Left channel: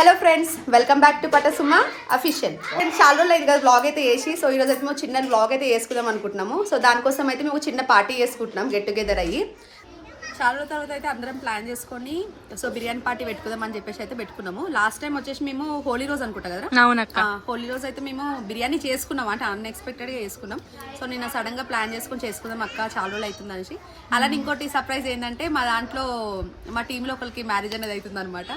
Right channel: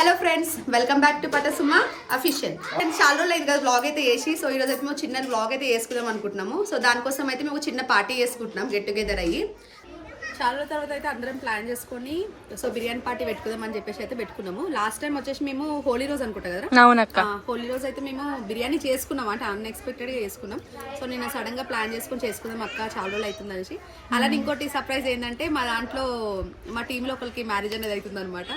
Hello friends, welcome back to Patasuma official. చాలా రోజులు అయింది కదా వ్లాగ్ అయితే వేసి. సో ఈరోజు అయితే మేము చిన్న వ్లాగ్ అయితే వేసుకుందాం అనుకుంటున్నాము. సో దానికోసం అయితే మేము చిన్న పార్టీ చేసుకుంటున్నాం, గెట్ టుగెదర్ అయ్యి. చాలా రోజుల తర్వాత అయితే అందరం ప్లాన్ చేసుకొని సో బిర్యానీ పార్టీ పెట్టుకుందాం అని చెప్పేసి అయితే పెట్టుకున్నాము. లాస్ట్ టైం వచ్చేసి మేము హోలీ రోజు అనుకుంటా కదా. అవునక్క, హోలీ రోజు అయితే మేము బిర్యానీ చేసుకున్నాం, అంటే అన్ఎక్స్పెక్టెడ్ గా చేసుకున్నాం. సో నేను సడన్ గా ప్లాన్ చేసుకుందాం అక్క, చాలా రోజులు అవుతుంది అనేసి. అలానే ఇంకోటి సర్ప్రైజ్ ఏంటంటే మా దాంట్లో మా టీమ్ లో ఒకరికి మ్యారేజ్ అనేది అవుతుంది అనమాట.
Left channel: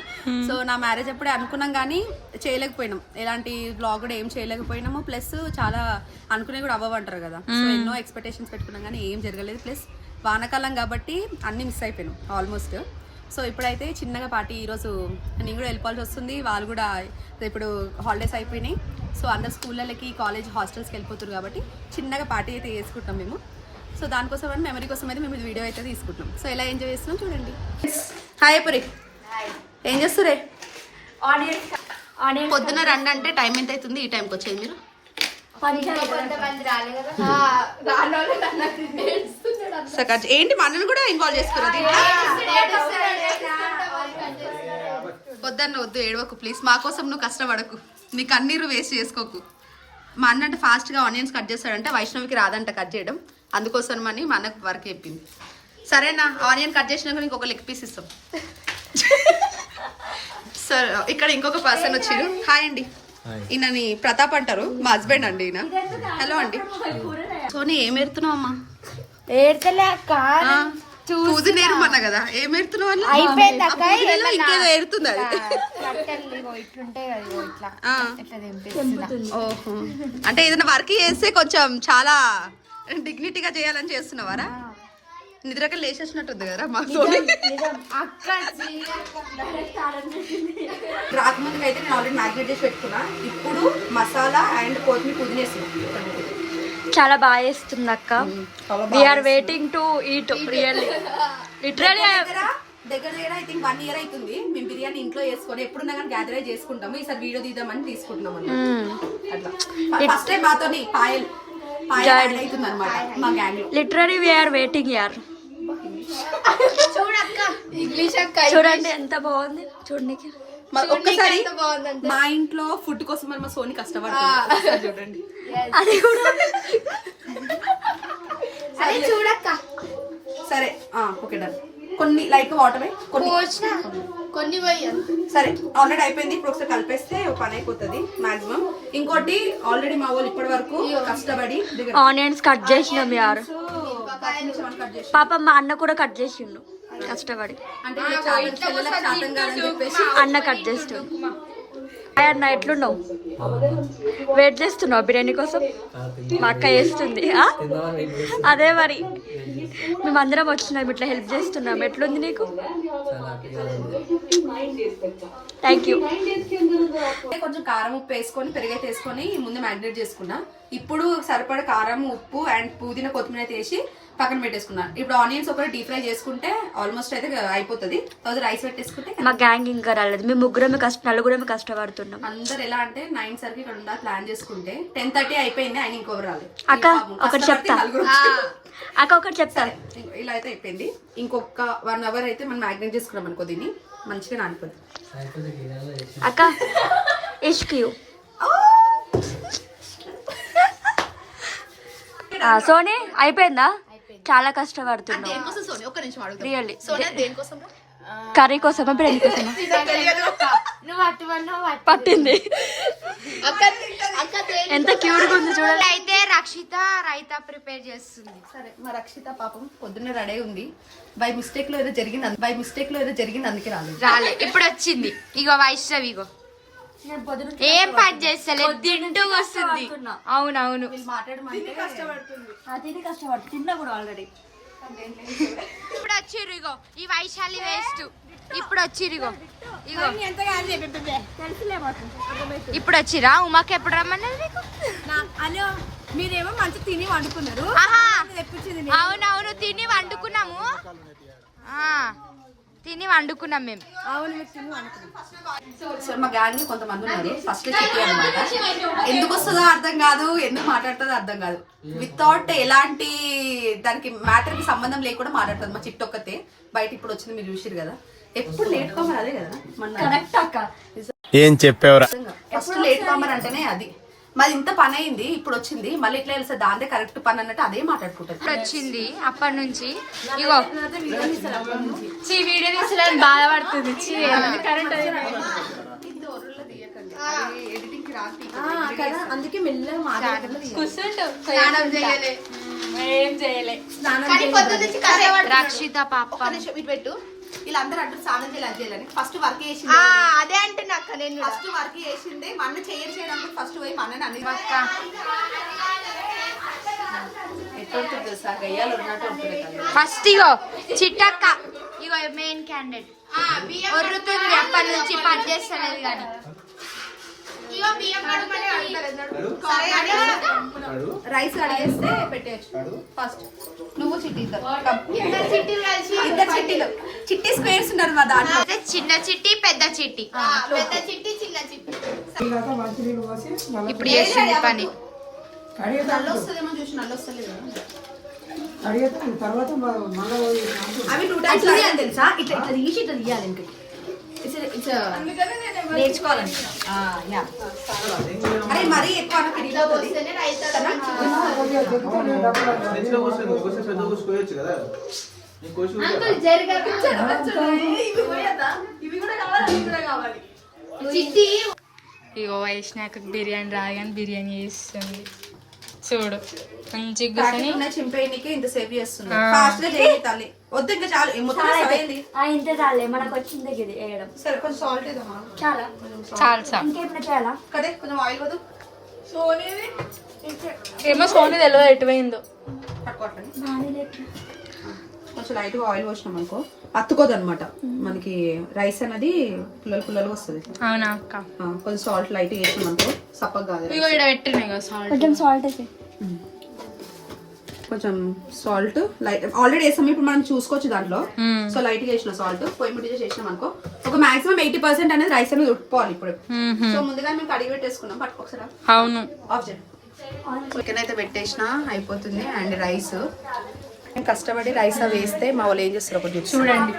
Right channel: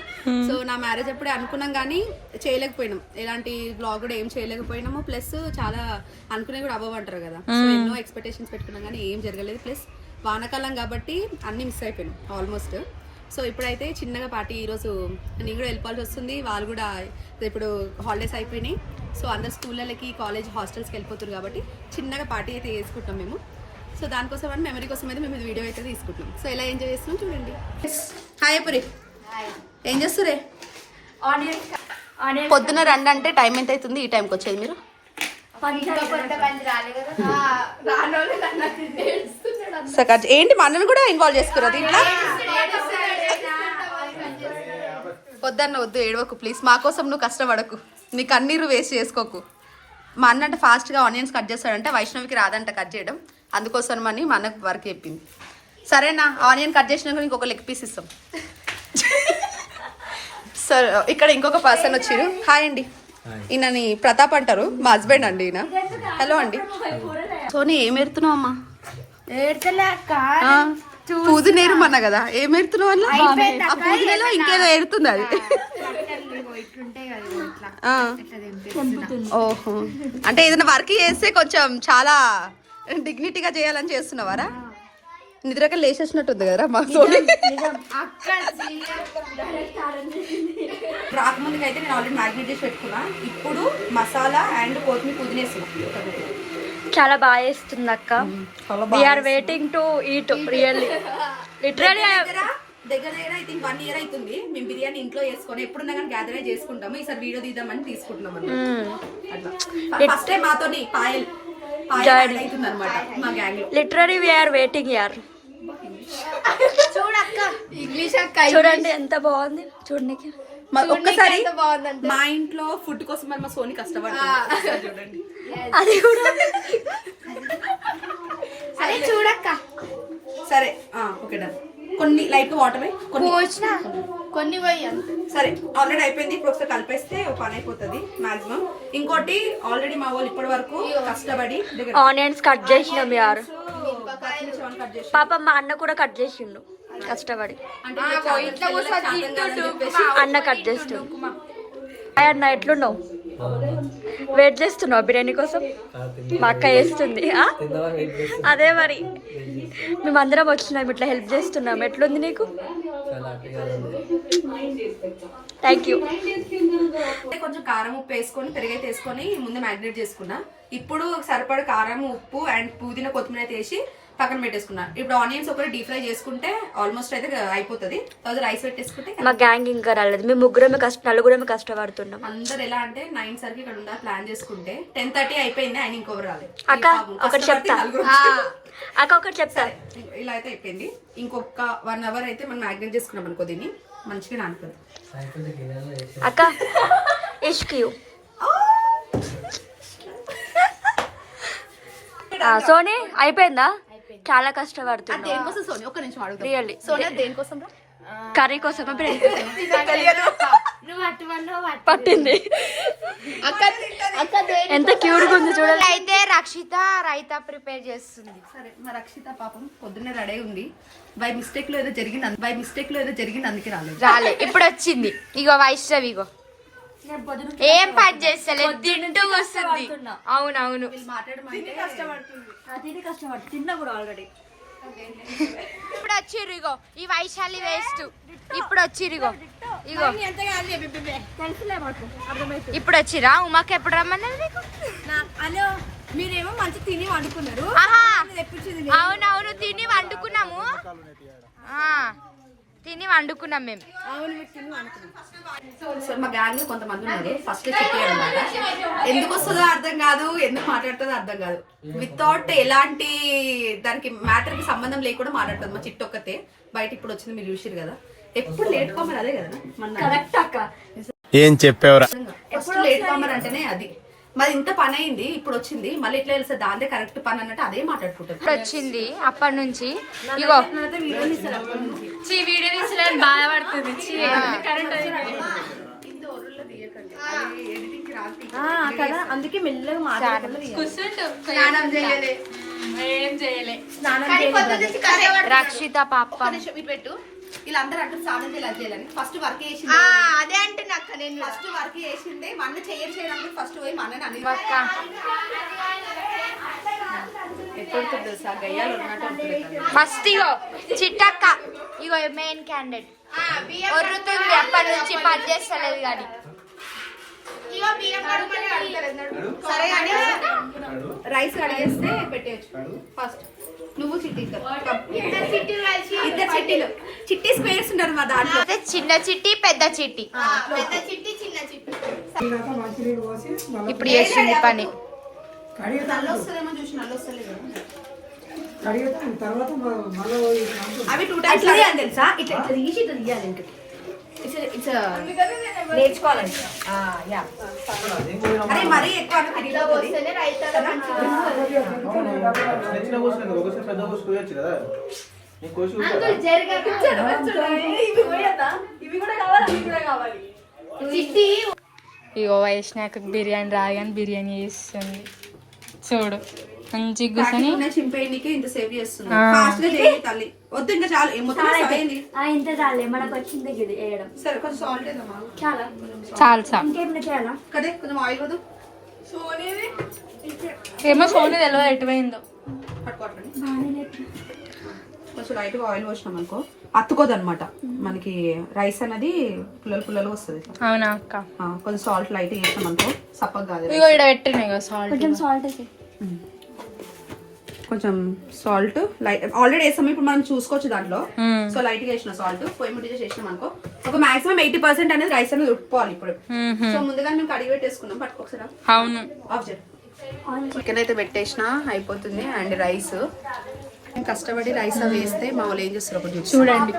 సో నా మ్యారేజ్ అప్పుడే అనుకున్నాం కానీ చేయలేకపోయినాం, ఎలాంటి బ్లాగ్ కూడా ఏం చేయలేకపోయినాము. ప్లస్ చాలా అనుకునే కూడా అవ్వమంటారు కదా. సో ఎన్నో ఎక్స్పెక్టేషన్స్ పెట్టుకున్నాం కానీ ఏం జరగలేదు. ప్లస్ వానాకాలం కాబట్టి అన్ని మిస్ అయిపోయినాం ఆల్మోస్ట్. సో ఇప్పుడైతే చిన్నగా పార్టీ, ఈరోజు నేను కూడా వెళ్ళిపోవాల్సి వస్తుంది, వాళ్ళు కూడా ఇప్పుడు హాలిడేస్ అయిపోయినాయి. సో అందరు స్కూళ్ళకి, కాలేజ్, హాస్టల్స్కి వెళ్ళిపోతారు కాబట్టి చిన్నగా పార్టీ అయితే వేసుకుంటాం మేము. సో దానికోసం అంటే మెమరీ కోసం అయితే మేము వీడియో అయితే తీసుకుంటున్నాం. సో ఎలా ఎంజాయ్ చేస్తున్నాం చూడండి. హాయ్ పురి, ఏం చేస్తురే? పొద్దున రండి అంటే టైం ఎంత అవుతుంది? ఈ టైంకి వచ్చేది మీరు? ఏంటి మా అన్నను కూడా ఇన్వాల్వ్ చేసుకున్నది ఇట్లా? వద్దన్న వద్దు, ఏడవకు ప్లీజ్, మా కోసం నువ్వు కష్టపడకు, నీ కన్నీరు వేస్ట్ చేసుకోకు. మా అన్న అంటే ఫాస్ట్గా ఆనియన్స్ కట్ చేస్తాడంటే, వైష్ణవికి రాదంట కట్ చేయడం, అందుకోసం అని మా అన్నకు వర్క్ చెప్పింది. సరేనా, ఆనియన్ కట్ చేసినాక ఇంకొక లెగ్ పీస్ ఇస్తాం. సార్ ఇక్కడ ఇంకొక పర్సన్ వచ్చారు. హాయ్ అండి, ఈయనని ప్రతాప్ అంటారు, మా హస్బెండ్ అండి ఈయన. హలో అండి. సోనీ ఏం ఎడుతున్నావు అమ్మా? పూజ నేరమన్నా కదా, ఏం ఎడుతున్నావు అన్న? ఇంకేదో ఎడుతుంది అది. ఓహో, అంటే ఏదైనా వర్క్ చేస్తే కొంచెం చాలా డిగ్నిటీగా చేయాలని చేస్తున్నావారా? నిద్రక లేచేసినట్టుంది కదరా మా సోని. రాకముందుకు అయితే నేను ఆల్రెడీ మ్యాగ్నేట్ చేసి పెట్టుకున్నా. ఇప్పుడు మసాలా అండ్ కొత్తిమీర పుదీనా వేస్తున్నా. చాలా బాగా చేస్తుంది అక్క. We are waiting to eat really, literally. దగ్గర ఐ థింక్ 1 year అవుతుంది మేము బిర్యానీ ఇంట్లో చేసుకొని, ఎప్పుడున్నా కానీ గ్యాదర్ అయి చేసుకుంటాము. ఈసారి వీడియో తీద్దామని తీసుకుంటున్నాం అన్నమాట. అట్లా ఫస్ట్ టైం మాతోని పాయల్ అవుతుంది అనమాట మా గ్యాంగ్ లో. లిటరల్లీ వీఆర్ వెయిటింగ్ యార్. చూడండి ఎంత బాగుంది చూడండి. ఒక్కసారి మా ఇంట్లో ఫుడ్ కోసం మరి మా సోని కష్టపడుతుంది చూడండి. అది కూడా చూడక్క. సరే ఓకే డన్. కొన్ని లైట్ వాటర్ కొన్ని సరే ఆల్రెడీ అయిపోయింది. ఇప్పుడు ఒకసారి కలిపేస్తే ఒక పని అయిపోతుంది మాక్సిమం. ఇంకోటి ఆల్రెడీ మా వాళ్ళు ఇప్పటి వరకు కష్టపడి ఆనియన్స్ కట్ చేసినాం యార్. పాప మా అన్న కూడా కట్ చేసిండు కష్టపడి, అన్న కట్ చేస్తుండు. అన్న ఎట్లున్నావు? వెయిట్ చేస్తున్నావు బిర్యానీ కోసం? మా అక్క వేస్తుంది. అదే మరి మేమందరం వచ్చినాం, ఇట్లా హెల్ప్ చేస్తున్నాం. ఎట్లుంది నీకు? Thank you. కొంచెం కారం ఉప్పు వేసుకొని పెరుగైతే వేసుకొని ముందు మ్యాగ్నేట్ చేసుకున్నా. ఇప్పుడు సరిపడ కారం, ఉప్పు అండ్ పుదీనా, కొత్తిమీర అయితే వేసి పక్కన పెట్టేసుకున్నా. ఇప్పుడు ఆనియన్స్ ఒకటి డీప్ ఫ్రై చేసుకుంటే ఆల్మోస్ట్ అయితే అయిపోతుంది. తర్వాత రైస్ పెట్టేసుకుంటే మా గ్యాంగ్ ఇంకా రాలేదు. మేము నలుగురమే కష్టపడుతున్నాం. అందరు ఎలా అంటే 9 సరికి ఇక్కడ ఉండాలి ప్లాన్ చేసుకుంటే 10:30 అయిపోయింది, ఆయన ఇంకొకరు రాలేదు. అక్క ఒకటి చెప్తా, ఇలా అయితే అయిపోయింది. ఇంకొక 1 hour అయితే మనం మ్యాగ్నేట్ చేసుకున్నాం అనుకో, దీన్ని మంచిగా నానుకోదు. అక్క ఇస్క్యూ సోనీ అయిపోయిందా? చాలా కష్టపడుతున్నా రియల్లీ. కర్రీ కోసమా బిర్యానీ కోసమా పట్టింది? ఎంత క్యూట్ గా ఉంది చూడండి. అయితే రక్షిత రైతా ప్రిపేర్ చేస్తుంది. సరే మా రక్షిత పాపం పొద్దున్నే రెడీ ఉంది. బై మిస్టేక్ లో ఏదో జరిగింది అందుకే రాలేదు. ఇప్పుడు వచ్చింది. ఇగో వైష్ణవి, ఇగో ఏం పని చేస్తలే, తింటూ వస్తుంది. అవునవును, తిన్నా కూడా ఆల్రెడీ. ఇప్పుడు వచ్చిర్రు ఇగో ఈ వైశాలి వేస్ట్. ఇప్పుడు వచ్చిర్రు ఇగో ఇప్పుడు వచ్చిరా. ఉమాకి ఎప్పుడు రమ్మన్నది? హలో, మీరేమో మంచి తిని వండుకున్నారు. అవునవును, తిని వండుకున్నాము మేము. అవును, మీరు తిని వండుకున్నాం. సో మా గ్యాంగ్ లో కొంతమంది ఉన్నారు. ఫస్ట్ చిట్టి అనమాట. ఎందుకు వస్తుందో అర్థం కాదు, ఎందుకు మాట్లాడుతుందో అర్థం కాదు. వితౌట్ ఎలాంటి దానికి మ్యాటర్ కి సంబంధం లేకుండా మాట్లాడుతుంది మా చిట్టి ఒక్కతే. బయట ఇప్పుడు వచ్చింది, మీరు చూసిరు కదా. ఎప్పుడు లేట్ కోమని అదే కదా మన. ఏం చెప్పావురా? ఫస్ట్ లేట్ కమర్ అంటేనే అది మరి ఇంత పని అయింది ఇప్పుడు వచ్చింది మళ్ళీ ఎట్లా తెలుసా దాందే కరెక్ట్ పని అన్నట్టు అదే మాట్లాడుకుంటారు. ఇప్పుడు వచ్చింది అప్పటి నుంచి ఇగో వీడియో తీసలేని బాధపడుతుంది. అందుకే మెల్లగా స్నానం చేయలే రక్షిత పాప పెట్టు వీళ్ళందరూ అంటారు స్నానం చేయాలని ఫస్ట్ వర్క్ చేసింది అదే అంటే నాకు నేను ఫస్ట్ వర్క్ చేసింది మా అన్న చేయడానికి ఫస్ట్ పోయి మా అన్నని అన్ని ఎప్పుడు తెలుసా గయ్యాలు ఉన్నట్టు ఫస్ట్ ఇగో చిట్టక్క ఇగో మెయిన్ క్యాండిడేట్ ఒర్రుతుంది అప్పటి నుంచి పని చేస్తలేదు కానీ రైస్ అడిగేస్తే పెట్టేయచ్చు ఫస్ట్ నువ్వు చిట్టి ఇద్దరు చిట్టీలు చిట్టి స్క్వేర్స్ ఉన్నారు మా దాంట్లో చిన్న చిట్టి పెద్ద చిట్టి ఇప్పుడు చేసింది పని నల్ల వస్తుందేమో చూసి నల్ల వస్తలేదు అవి 2 టైమ్స్ తీయాలి తెలుసా ఇట్లా ఇట్లా తీసి ఇట్లా తీయాలి ఇంకా నేర్చుకోవాలండి అరే మరీ ఎక్కువ తిరిగిపోతుంది ఇగో వైష్ణాక బిర్యానీ రాగానే బిర్యానీ చేస్తుంది చూడు మంచి కూర్చొని చింపేయడానికి ఇంత సేవ్ చేస్తున్నా ఫాస్ట్ గా చేయి తల్లి వద్దు ఇంకా చాలు మొత్తం సరైంది ఇంత చాలే మనకు వచ్చింది ఇది వేయడం సరే కొంచెం సాల్ట్ వేద్దామా చాలా చాలు చాలు ఇంకేమైనా చేయాలా కదే కొంచెం ఆయిల్ వద్దు ఏమో సోని తెలియదు ఎటువైందో పట్టుకోవట్లేదు కొంచెం లైట్ గా ఆయిల్ పోసినాం అనుకో అత్తుకోదు అనమాట మనకి రైస్ అనేది పుల్లలు వస్తుంది అవునా అక్క కొంచెం సాల్ట్ లైట్ వేసినాం అనుకో సప్పగా కాదు ఇగో ఇక్కడ పెట్టినాయి కదా సాల్ట్ కొంచెం సాల్ట్ వేసి కొంచెం సాల్ట్ లైట్ ఆల్రెడీ వేసాము ఇప్పుడు మనం చూసుకోవచ్చు దాంట్లో సో లైట్ గా వేసిన సాల్ట్ పొయ్యి ముట్టి చేసినాం అనుకో ఒక మాక్సిమం 80% అనేది రైస్ అనేది ఉట్టుకోవాలి ఇప్పుడు సో ముందుగా మేము కడిగి పెట్టేసుకున్నాం పట్టుకోసారా అవును ఆఫ్ చేయండి చికెన్ అయితే పెట్టేసిన అయిపోతుంది అండ్ రైస్ కష్టపడి రైస్ అవి వేస్తే మా వాళ్ళు ఏం చేస్తారు ఒకటి చూడండి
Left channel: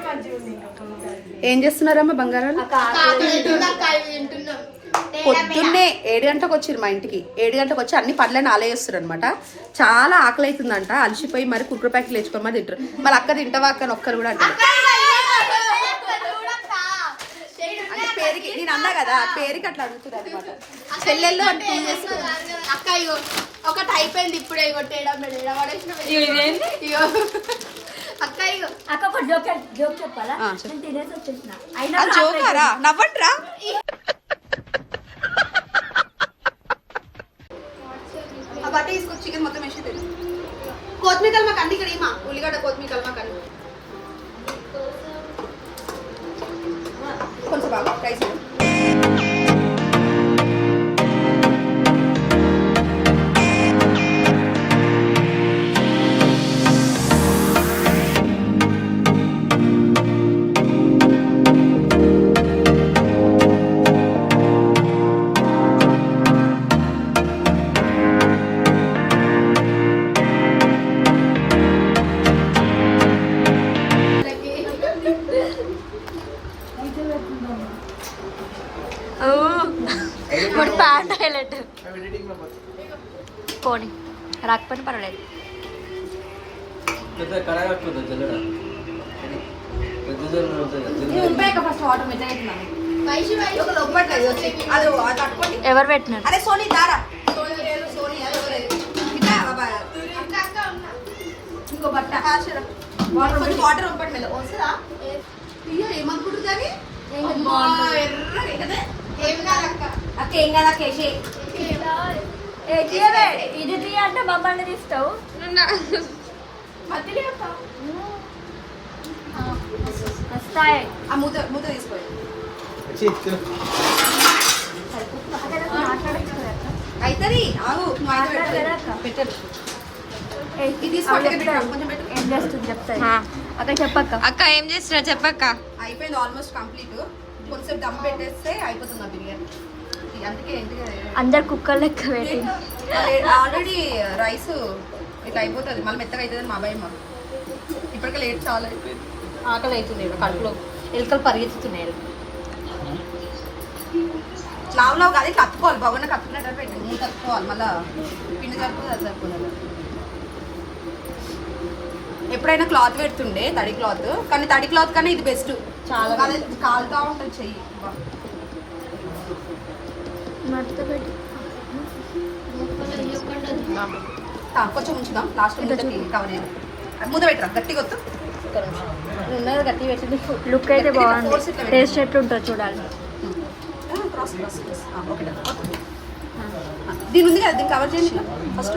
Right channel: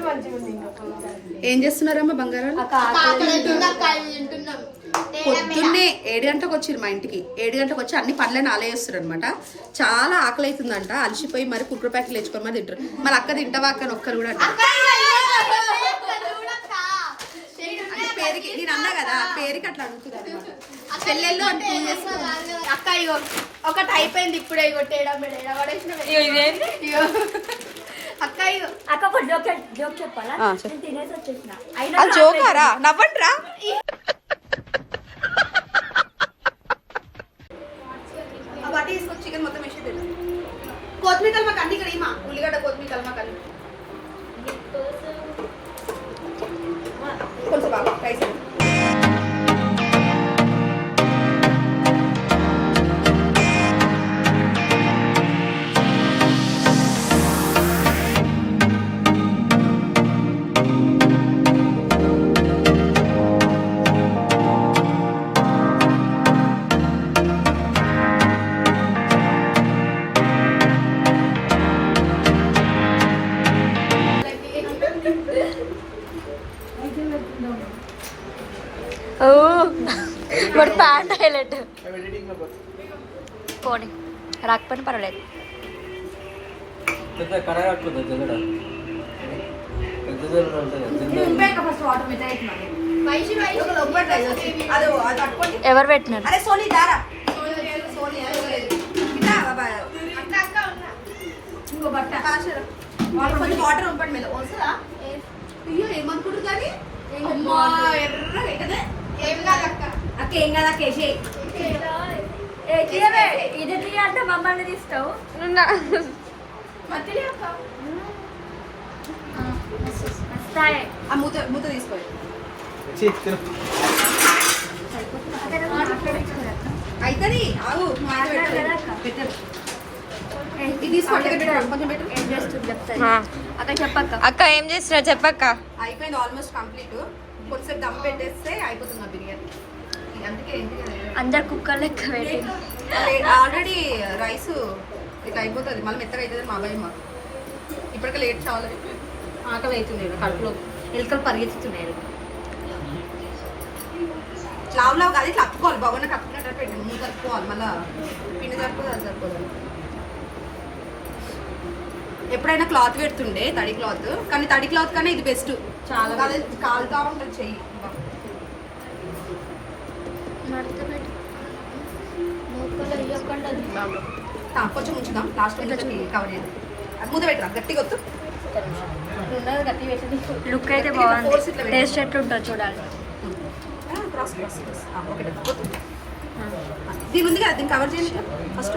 ఏం చేస్తున్నారమ్మా బంగారం పొద్దున్నే 7 గంటలకు వచ్చిర్రు మా ఇంటికి 7 గంటలకు వచ్చి అన్ని పనులను ఆలేస్తారు అనమాట చాలా ఆకలి అవుతుందంట అలసిపోయి మరి కుక్కర్ ప్యాకెట్లు తెచ్చుకొని మరి తింటారు మరి అక్క తింటావా అక్క ఒక్కరు కూడా అంటారు అంటే పేరుకి నేను అన్నా కదా పేరుకి అట్లా అడుగుతుంది అనమాట చెల్లెళ్ళు అంటే పూజ చేసుకో అక్క ఇగో ఒకటి అయిపోయింది ఇప్పుడే అక్క ఇగో అక్క ఒక జోక్ చెప్పాలా నేను తినేసి వచ్చేసిన అయినా జోకారా నవ్వండిరా బట్టి తీసుకొచ్చి చికెన్ మొత్తం వేసి తిన్నాం కొత్తిమీర కలమాక అన్ని ఇక్కడ ఏమా ఉల్లిగడ్డ కొత్తిమీర కలమాక అన్ని కొంచెం బాగా రైస్ వాడు ప్యాంట్ హైలైట్ పోనీ రాకపోయినా పర్వాలేదు ఎవరు పెట్టినారు అరే సోనీ దారా ఇంకో బట్ట కొంచెం వాటర్ ఉంపండి మెల్ల వస్తుందా అయ్యో ఏమనుకుంటుంది కానీ అక్క ఏం కాదు అక్క ఇది తీ అంటే మమ్మల్ని తీస్తావు ఆ మూత మూత తీసుకోండి అవుతుంది ఆగు పెట్టరు ఇది తీసుకోండి కొంచెం పెట్టు అక్క చెప్పక్క అక్క ఏం చేస్తున్నా చెప్పక్క అయిపోయింది ఆల్మోస్ట్ కంప్లీట్ కొద్దిసేపు దమ్ పెట్టేస్తే అయిపోతుంది మా బిర్యానీ అందుకే ఏంటి అందరు కుక్కర్ లెక్క ఆల్రెడీ రైస్ ఇట్లా అయిపోతుంది మళ్ళీ మెత్తగా అవుతుంది మా భయం మాకు ఇప్పటికే లేట్ చాలా అయిపోయింది ఆకలి అవుతుంది కడుపులో ఎలుకలు పరిగెత్తుతున్నాయి లావు లావు కాదు ఇట్లా అప్పుకోవాలి బాగున్నా కప్పుకున్నట్టు పెట్టి మూత కప్పుకోవాలి మళ్ళీ పిండి సరిపోదు అది సరిపోదు. ఎప్పుడైనా క్లాత్ పెడుతుండే తడి క్లాత్, కానీ తడి క్లాత్ కన్నా ఇది బెస్ట్. చాలా అదే కాలుతా ఉంటుంది చెయ్యి. కొంచెం ఉంచుదాం లాస్ట్ కవర్ చేయాలి. మూత పెట్టరా గట్టిగా వద్దు. గట్టి పెట్టింది లుక్ అయితే బాగుంది. టేస్ట్ ఎట్లుంటుంది చూడాలి. దీని ఉంది కదా దీన్ని కవర్ చేయండి ఫస్ట్.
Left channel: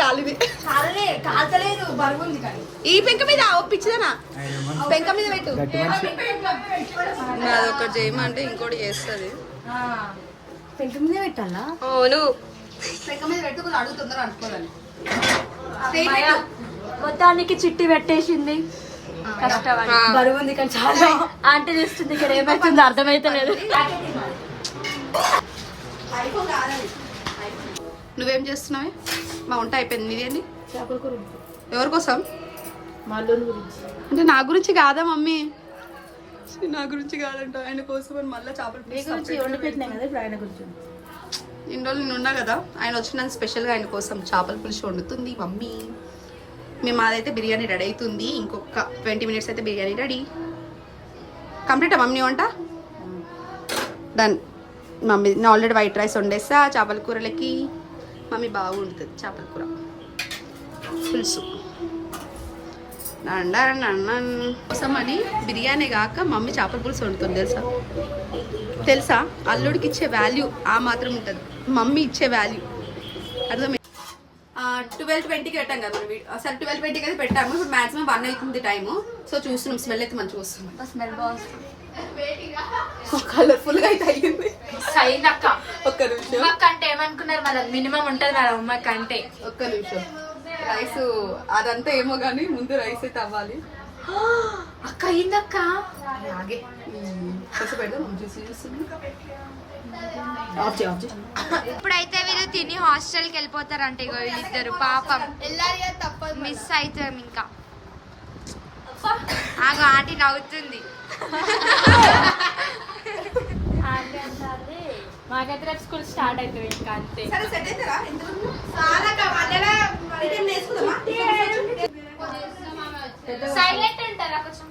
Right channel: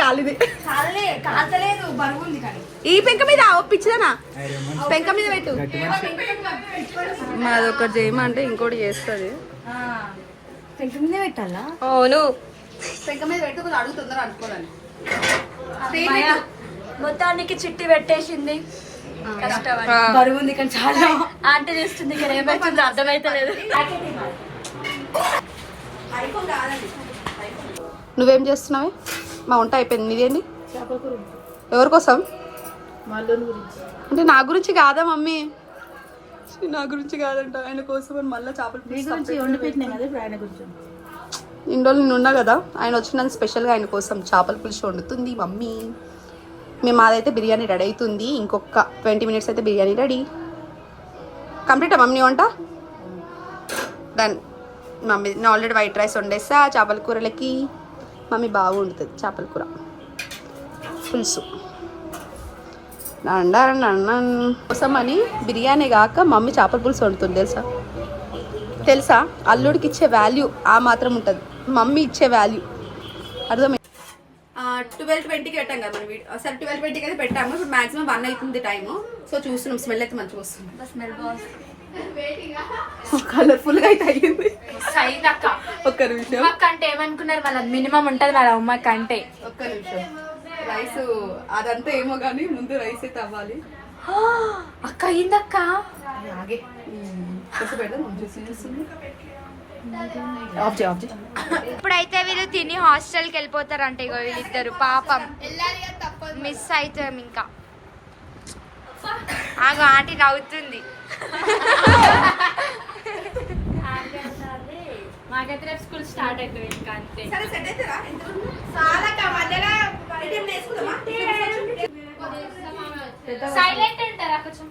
కాలిది కాల్చలేదు బరువు ఉంది కానీ ఈ పెంక మీద ఒప్పించదేనా పెంక మీద పెట్టు. నాది ఒకటి చేయమంటే ఇంకోటి చేస్తుంది. పెంక మీద పెట్టాలా? అవును. పెంక మీద పెట్టి కొంచెం అడుగుతుందరూ అనుకోవాలి. మొత్తానికి చిట్టి పెట్టేసింది. బరువు ఉంది కానీ చాలా అంటే చేస్తుంది ఇక్కడ ఏమైతుంది అర్థమైతే లేదు. నువ్వేం చేస్తున్నావే? మా వంట అయిపోయింది. నీదేంటి? ఎవరి కోసం? అంటే నా గురించి కాదా మమ్మీ? నా గురించి కాదంట, ఆయన కోసం మళ్ళీ చేపలు ఇన్ని రోజులు నేను ఉన్నా కదా, ఆయన వచ్చినందుకు స్పెషల్గా ఆయన కోసం చేపల పులుసు వండుతుంది మమ్మీ. మేము మాదైతే బిర్యానీ రెడీ అవుతుంది. ఇంకొక 20 minutes అయితే బిర్యానీ రెడీ కంప్లీటా మమ్మీ వంట డన్. మమ్మీ నేను ఆల్రెడీ వైట్ రైస్ వండేస్తా. చేపల కూరలకి మమ్మీ బాగా వండుతుంది చేపల కూర పులుసు. కోసం అని బిర్యానీ కాక మమ్మీ చేపల పులుసు వండుతుంది తెలుసా? తెలుసా? అల్లుడికి ఇచ్చే వాల్యూ ఆ మాత్రం ఉంటుంది, మమ్మీ ఇచ్చే వాల్యూ అర్థం. 12:20కి పెట్టాం కదా మనం వీడియో. అసలు 12:20కి అయితే పెట్టాము. ఇప్పుడు మాక్సిమం 1 అవుతుంది టైము. సో చూస్తున్నాం, స్మెల్ అయితే మంచిగా వస్తుంది. స్మెల్ బాగుంది. కలర్ఫుల్ గా అయితే అయ్యింది. సైడ్ అక్క ఒక్క నిమిషం. ఉమ్మక్క అంటే ఏమనుకున్నారు వాళ్ళ మినిమం ఉంటుంది కదా ఉమ్మక్క అంటే. ఒక్క నిమిషం. రైస్ అదంతా ఏమో కానీ ముందు రైస్ అయితే అవ్వాలి. అక్క అయిందక్క. అలాగే కొంచెం పెడదాం. చూస్తుంది ఇప్పుడైతే వీళ్ళు తిని హాస్టల్కి వెళ్ళిపోతారంట. ఇగో వీళ్ళిద్దరు పాపం మిస్ అవుతాం. ఇంకా ఆగో ఆంటీ నవ్వుతుంది. మాకైతే రేపు స్కూల్ స్టార్ట్ అవుతుంది ఇంకా అంతే. సైలెంట్ ఉంటారా కొంచెం?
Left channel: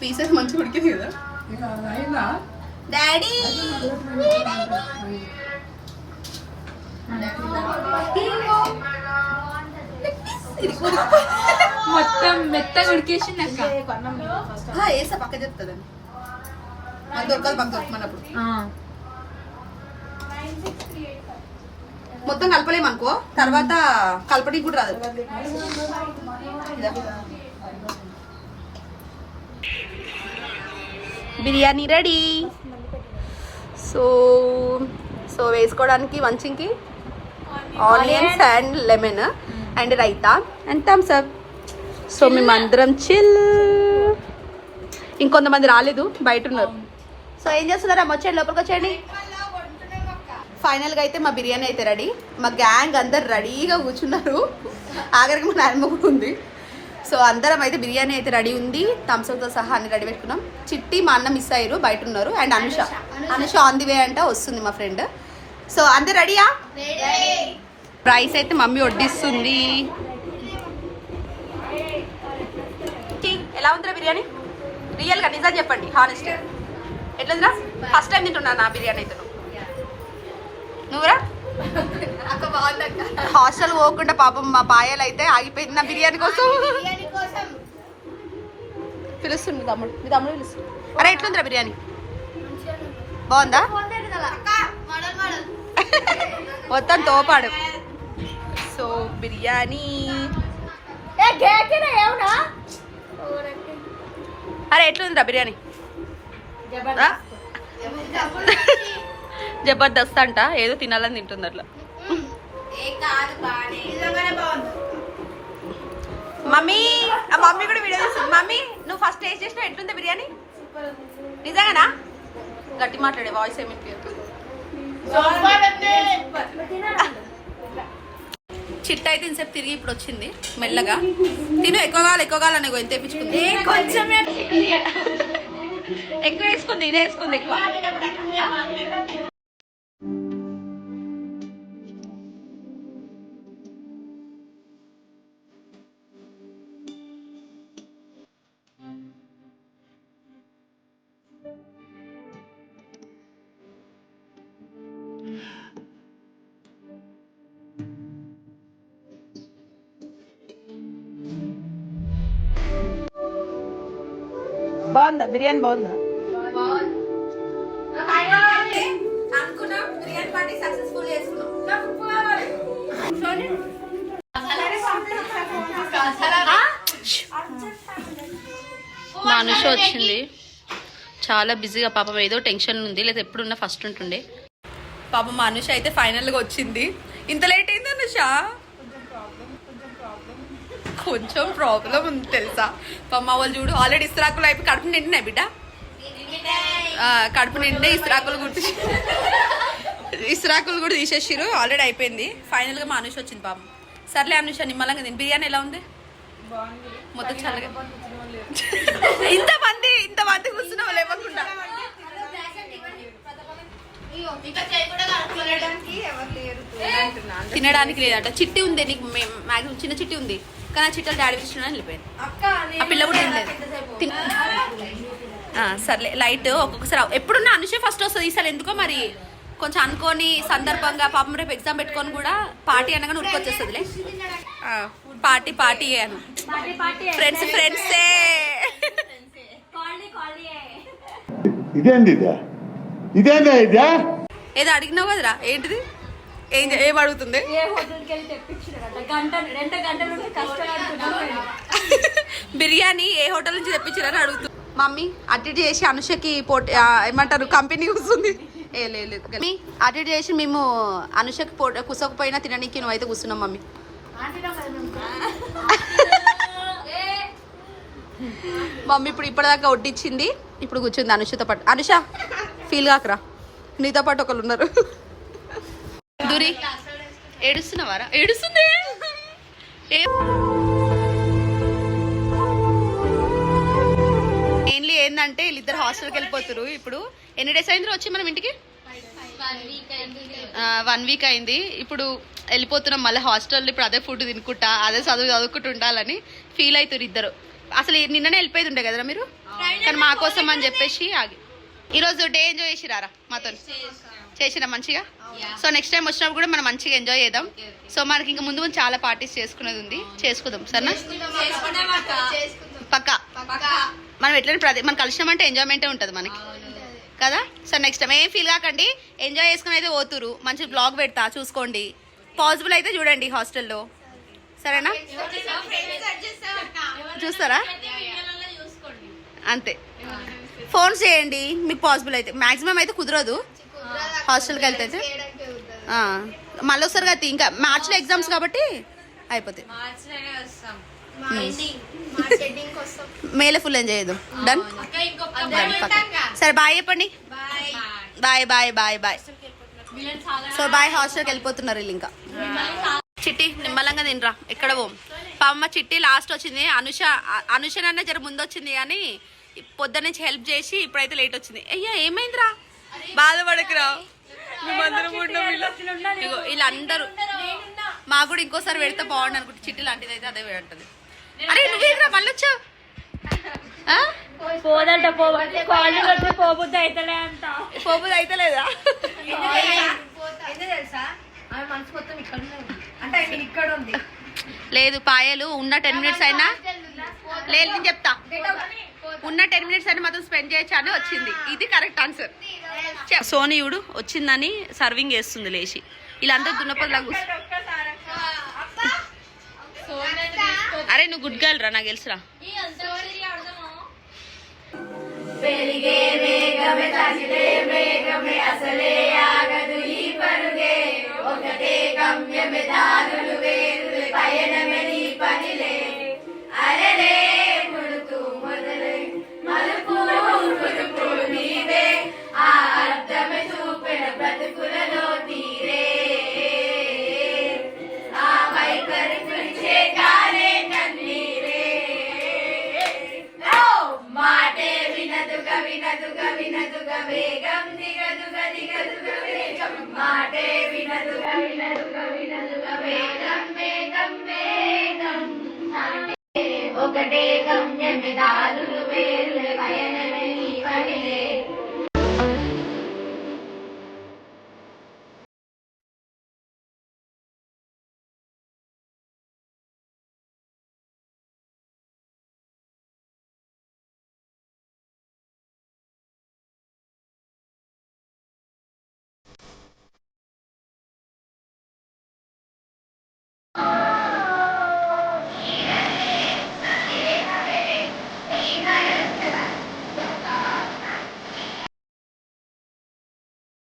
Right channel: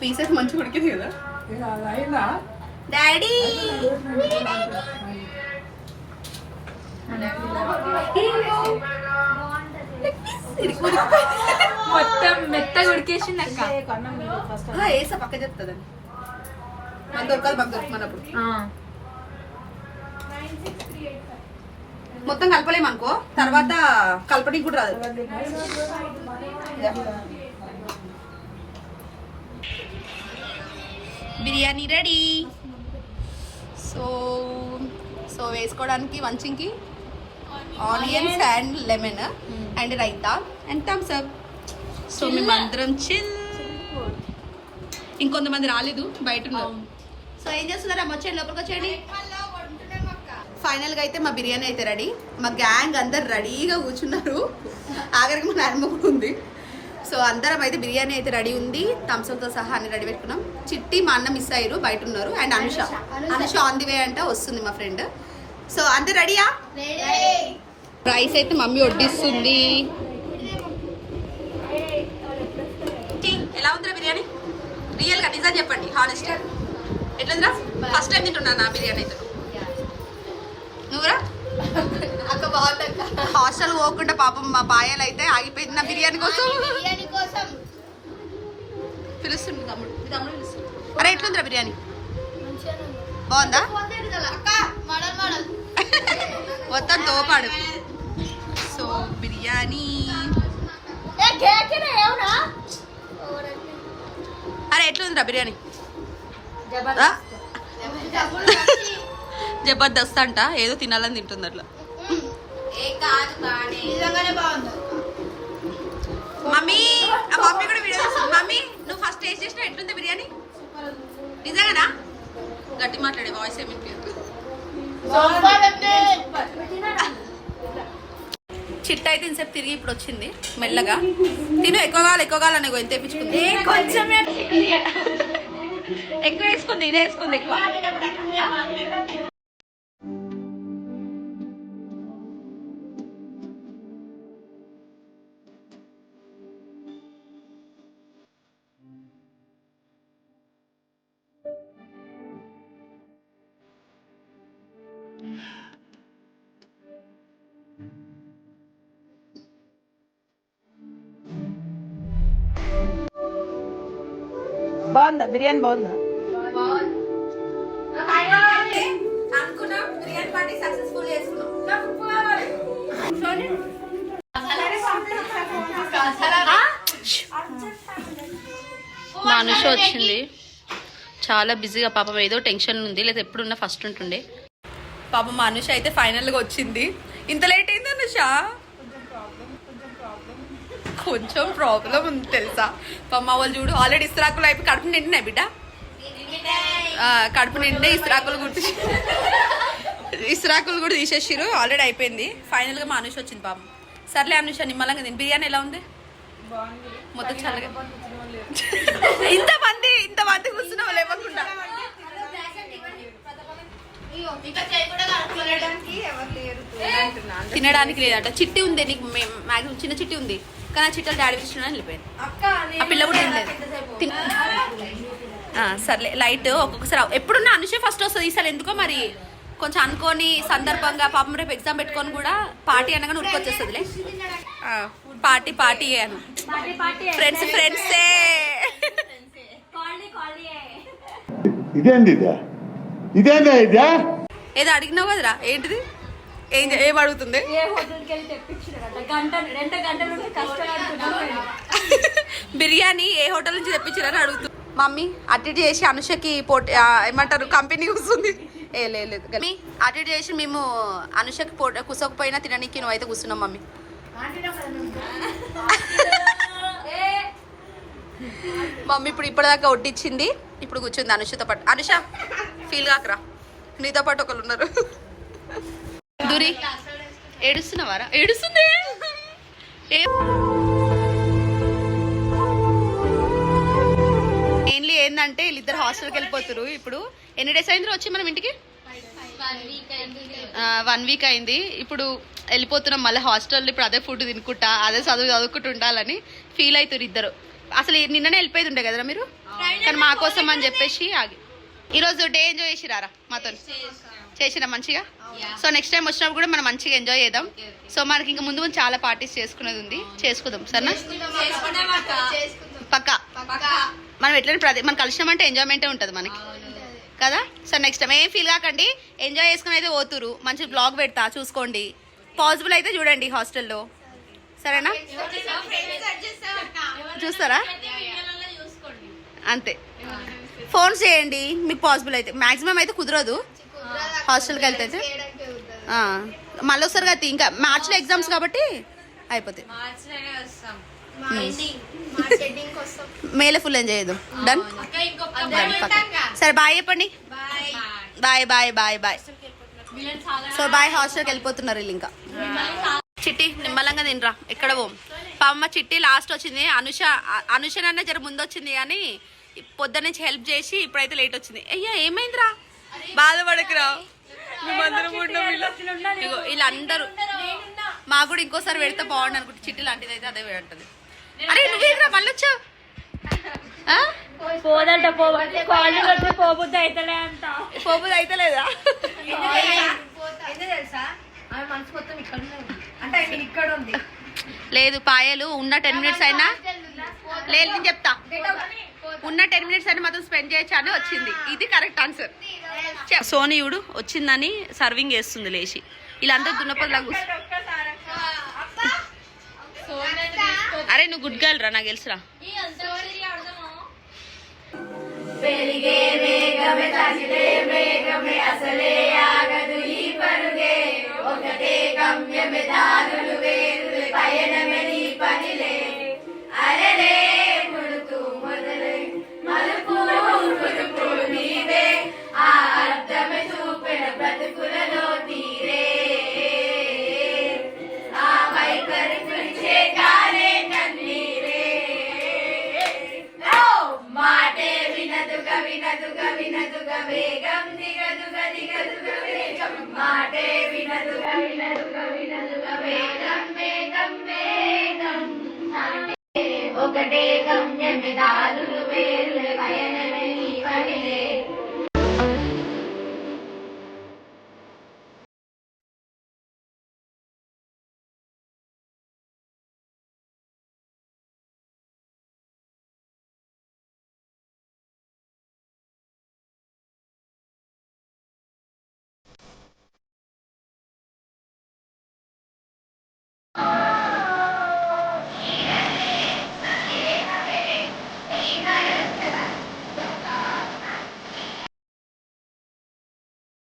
పీసెస్ మంచిగా ఉడికింది కదా డాడీ. మొత్తం మెత్తగా ఉడికేసింది అక్క. వేసా పక్క చెప్తుందండి. మన దొరకాలి పక్క దొరుకుతున్నప్పుడు మొత్తం కలపలేము అనుకో, తర్వాత కలపడానికి కూడా రాదు. బిర్యానీ రెడీ. సో వేసుకోవడానికి మంచికి onions and lemon and raita and Thums Up. So మేమందరం చిల్. ఇంకొంతమంది రాలేదు, బయట ఉన్నారు. సో ఏం చేస్తున్నారా? వచ్చేయండి, లోపలికి వచ్చేయండి. ఫైనల్గా అయితే మా బిర్యానీ అయితే రెడీ. మా గ్యాంగ్ అందరు రెడీగా కూర్చున్నారు. ఆఖరికి మా నాన్నమ్మ కూడా ఉంది. సో అందరం అయితే బిర్యానీ అయితే రెడీ ఉంది. థమ్స్అప్తో సహా అన్ని రెడీ పెట్టుకున్నాం. చిట్టి మా అన్న మిస్ అయ్యారు, బయట ఉన్నారు. And Anusha on the way అంట, వస్తుంది మా ఫ్రెండ్. సో అందరు రెడీయా? రైస్ అయితే మమ్మీ వడ్డిస్తుంది. ఎలా ఉందిరా బిర్యానీ? రియల్గా నిజం చెప్పండి, హానెస్ట్ ఎట్లుందిరా? ఫస్ట్ టైం తింటున్నా నా బిర్యానీ అయితే. నువ్వురా? హాస్టల్ పోకుండా పాపం మా పాయలు అయితే ఆగిపోయింది నా బిర్యానీ కోసం. పిలుస్తుంది తమ్ముడు, మీ తమ్ముడు పిలుస్తుంది. అరే ఎట్లుందిరా బిర్యానీ? బాగుందా? మొత్తం తోపాడు. సో బిర్యానీ అరే ఎట్లుందిరా బిర్యానీ? జబర్దస్త్ అంట, ఏదో తినాలని తింటుంది అట్లా. మమ్మీ మమ్మీ కూడా వీడియో తీస్తుంది. మమ్మీ నువ్వు ఫస్ట్ టేస్ట్ చేసినా ఎట్లుంది బిర్యానీ? నిజంగానా? గట్టి మాట్లాడే, వాయిస్ ఏమి చిట్ట అయితే ఇంతసేపు తిరిగి ఇప్పుడు వచ్చింది మెల్లగా. తిను ఎక్కువ కావాలని ఎంత తెప్పించుకుంది, కొంచెం ఎక్కువ వేసుకుంది, ఇది వేసుకుంది ఎక్కువ. బాగుందా బిర్యానీ? బాగుందా? అనుకున్నాం బిర్యానీ పార్టీ సక్సెస్ఫుల్ చేసుకున్నాం. మా అనుష వచ్చింది, చాలా బిజీగా పాపం, ఏదో టెన్షన్ ఉంది, లేదా ఎప్పుడున్నా ఫస్ట్ ఉంటుండే. పాపం మా అనుష అయితే ఫైనల్గా వచ్చింది. ఇంత లేట్ అయింది అనుష? కొంచెం ప్రాబ్లం ఉంది తెలుసా. పాపం మా వాళ్ళు చూడు ఆల్రెడీ ఇస్త్రాకులు అయిపోయి కడుపు నిండినాయి బిడ్డ, కడుపు నిండే ఇస్త్రాకులు ఇస్త్రాకులు కూడా తీసేసిరు, ఆల్రెడీ అయిపోయింది. ఫైనల్గా మా అనుష వచ్చింది పాపం. సర్లే అనుష, నిమ్మలంగా తిని. బిర్యానీ ఎలా ఉంది? మొత్తం చల్లగా. ఇంతమంది కూర్చున్నావు లేవకుండా. తినడానికి లేదట. చిట్టి ఉంది నీకు, మ్యాక్సిమం చిన్న చిట్టి ఉంది, కానీ ఆ చిట్టలు డాడీ ఇచ్చిన వెళ్ళిపోయింది. ఆ పిల్ల కూడా తినలేదు. సర్లే లైట్. ఒక్కొక్కసారి ఎప్పుడున్నా అనుషే ఫస్ట్ వస్తుంది, ఈసారి ఎందుకో మరి కొంచెం అనుకోని సందర్భంగా పాపం రేపు ఎగ్జామ్ పెట్టుకొని కూడా పార్టీ అనగానే ఉరికొచ్చేస్తుందిలే. పార్టీ అను ఫ్రెండ్సే. ఏదో అడిగినావు కదరా, ఏంటిది? ఏం అడుగుతుంది? బిర్యానీ ఏ హోటల్ నుంచి తెప్పించారని అడుగుతుంది. మమ్మీ అటు చేసి అనుషకి ఏమంటారు కంపెనీ కూర్చుంది. లేదు కానీ అటు చేసి మేము అనుషకి కుసకపోయినా తిననీకి నువ్వు అయితే కూర్చున్నాం మమ్మీ. మమ్మీ ఇప్పుడు ఇప్పటిదాకా వడ్డిచ్చింది, ఇప్పుడు కూర్చుంది అనుషతో పాటు. అనుష ఫీల్ కాకరా, నీతో పాటు ఒకళ్ళు ఉన్నారు. దూరి ఏడుస్తున్నావారా? ఏడుస్తుంది. మెయిన్లీ ఏంటంటే వీళ్ళిద్దరు హాస్టల్కి వెళ్ళిపోతారు. ఇప్పుడు ఎన్ని డేస్ అయింది వచ్చి మనం ఇంటికి? 1 వీక్ అయింది. ఇప్పుడు వెళ్ళిపోతున్నాం మళ్ళీ హాస్టల్లో. ఇప్పుడు అదే ఫుడ్ తినుకుంటా, అదే చదువుకుంటూ ఉండాలని ఫీల్ అవుతారు ఇద్దరు. అసలు నిన్ననే వెళ్ళిపోయి ఉండే కదరా మీరు, కానీ మా కోసం అని చెప్పేసి ఆగి. ఈరోజు డే ఎంజాయ్ చేసిరారా మాతో? చేసినా మంచిగా. సో నెక్స్ట్ టైం వచ్చినప్పుడు కూడా మనం మంచిగా ఎంజాయ్ చేద్దాం. సో మనకి ఇంకా ముందు చాలా పార్టీస్ చేసుకునేది ఉంది, చేసుకుందాం సరేనా? పక్కా. మనం ఎట్లయినా మనం కలిసినామంటే ఎంజాయ్మెంటే ఉంటుంది మనకి కదా. సో నెక్స్ట్ టైం ఏం ఫీల్ కాకండి, ఎంజాయ్ చేసుకుని అయితే పోతురు. మంచి బ్లాగ్ పెడతా చూసుకోండి, పాసిబుల్ అయితే చూడండి హాస్టల్లో, సరేనా? చూస్తారా? అంతే, ఫోన్స్ చేయండి మీకు పాసిబుల్ అయితే. మ్యాక్సిమం అయితే కుదరదు హాస్టల్కి వెళ్తే. మళ్ళీ వస్తారు కదా, ఇంకా మార్చిలో ఎగ్జామ్స్ కాబట్టి అయిపోతాయి. మేలే ఫుల్ ఎంజాయ్ చేద్దాం. డన్. సరే బాయ్ చెప్పండి. బాయ్. సో బాయ్, హాస్టల్కి వెళ్ళిపోతున్నారు వీళ్ళు. ఇంకా చిట్టి నిమ్మలంగా తినరా, ఎక్కడ పోం. పాపమ్మ చిట్టి లాస్ట్ వచ్చింది. అనుషనన్న జర ముందు వచ్చింది, కానీ పొద్దున్న నుంచి హెల్ప్ చేసి ఇప్పుడైతే లేట్ వచ్చింది. అయ్యా ఏమైందిరా, బాధపడకురా. వీళ్ళందరూ మాకు కూడా ఇంకోసారి పెడితే బాగుండు అనుకుంటే, చిట్టి లాంటిది అయితే అదే ఉంటుంది. అరే నువ్వేంద్రా మళ్ళీ వచ్చావు? పోబుద్ది అయితలేదా? లేదు పాయలు ఉన్న 10 మినిట్స్ అయినా లేదు, నేను చెప్తా. ఉన్న 10 మినిట్స్ అయినా మాత్రం స్పెండ్ చేయొచ్చు అని వచ్చింది. ఇది కరెక్ట్ ఆన్సర్. సోనియుడు వచ్చిందని సర్వింగ్ చేస్తుంది లేచి. వీళ్ళందరూ దున్నపోతులాగా. అరే నువ్వు గుడ్ గర్ల్ రా, నాకు తెలుసురా. మాటే వినదుగా వినదుగా వినదుగా వేగం దిగదుగా దిగదుగా వేగం మాటే వినదుగా వినదుగా వినదుగా వేగం వేగం వేగం ఒకటే గమ్యమే దారులు వేరు పయనమే